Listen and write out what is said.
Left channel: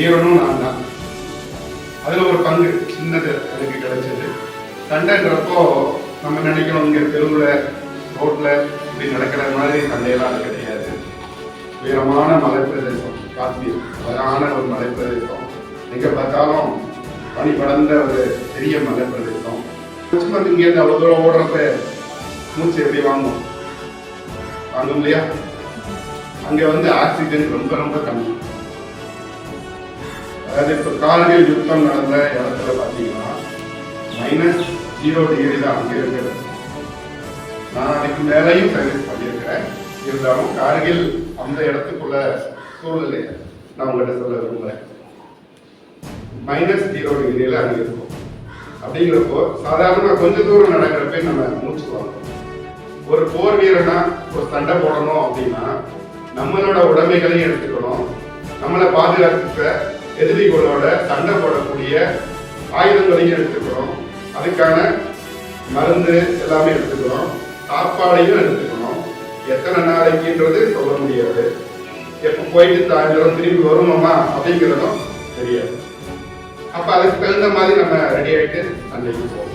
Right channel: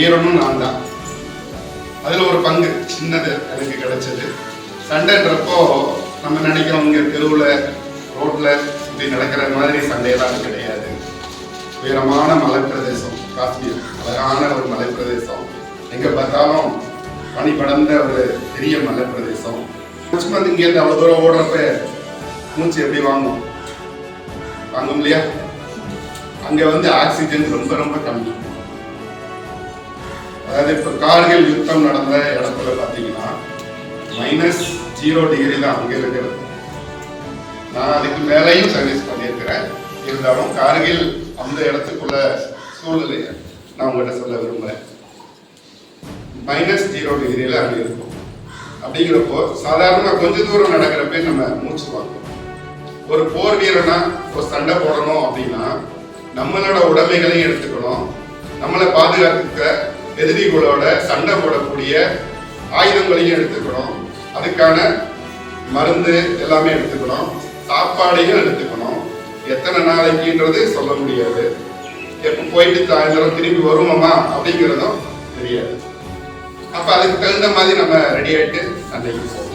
வீரனும் நான் தான். அதில் ஒரு பங்கு சின்னது எனக்கு கிடைச்சது. சண்டைன்றப்போ நம்ம நினைக்கிறோம் இங்கே தெருவில் ரோட்டில் இப்படி நடக்கிற மாதிரி சண்டையெல்லாம் கிடையாது. உயரமான மலை பிரதேசம் காஷ்மீர், அழகான ஒரு மலை பிரதேசம். எங்கே பார்த்தாலும் பனி படர்ந்த ஒரு பெரிய மலை பிரதேசம். சும்மா இங்கேருந்து அவ்வளோ தூரம் ஓடுறப்ப மூச்சு எப்படி வாங்கும் இல்லையா? அங்கே ஆக்சிஜன் ரொம்ப ரொம்ப கம்மி. அதாவது இப்போ கார்கில் யுத்தம் நடந்த இடத்துல பார்த்தீங்கன்னா -0 தான் அங்கே இருக்கிறது. நான் அதுக்கு மேலேயும் சர்வீஸ் பண்ணியிருக்கிறேன். இருந்தாலும் கார்கில் அந்த இடத்துக்குள்ள சூழ்நிலையை நான் உங்கள்கிட்ட சொல்ல விரும்புகிறேன். -0 அங்கே இருக்கும். அப்படிங்கிறப்போ சாதாரணமாக கொஞ்ச தூரம் நடக்கிறப்ப நம்ம மூச்சு வாங்குவோம். ஒரு போர் வீரனா ஒரு சண்டை போடணும் அப்படின்னா நம்மளோட உடைமைகளையும் எடுத்துக்கணும், நம்மளை பாதுகாத்துக்க எதிரிகளோட சண்டை போடக்கூடிய ஆயுதங்களையும் எடுத்துக்கணும், அதுக்கான மருந்து எல்லாமே எடுத்துக்கணும், சாப்பாடையும் எடுத்துக்கணும். எத்தனை நாளைக்குன்றது சொல்ல முடியாது. எப்போ போயிட்டு சாயந்தரம் திரும்பி வருவோமா அப்படிங்கிறதும் தெரியாது. அப்போ அதுக்கு தகுந்த மாதிரி நம்ம ரெடி ஆகிட்டு சண்டைக்கு போகணும்.